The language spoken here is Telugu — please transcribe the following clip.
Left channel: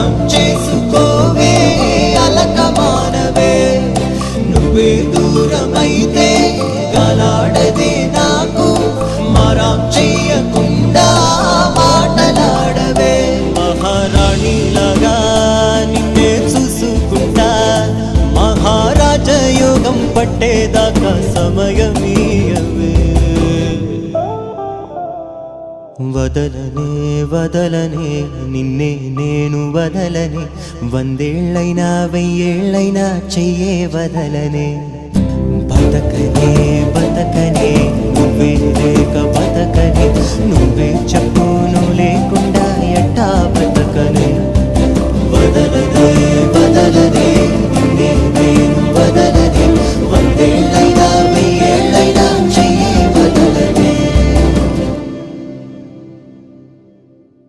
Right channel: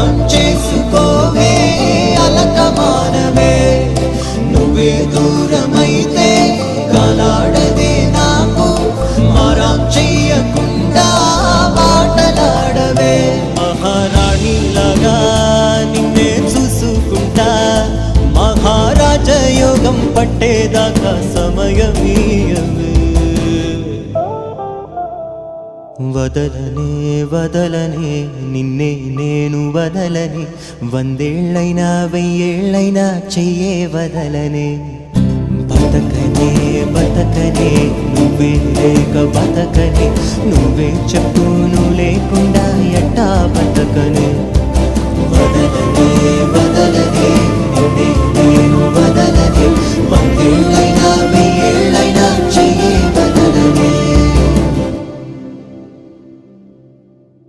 అర్థం చేసుకోవే అలక మానవే నువ్వే దూరమైతే గాలాడదే నాకు మారాం చెయ్యకుండా మాటలాడవే మహారాణిలాగా నిన్నే చూసుకుంటా మహారాజయోగం పట్టేదాకా సమయమీయవే వదలనే వదలనే నిన్నే నేను వదలనే వందేళ్ళైనా వెయ్యేళ్ళైనా చెయ్యే వదలనే బతకనే బతకనే నువ్వే లేక బతకనే నువ్వే చెప్పు నువ్వు లేకుండా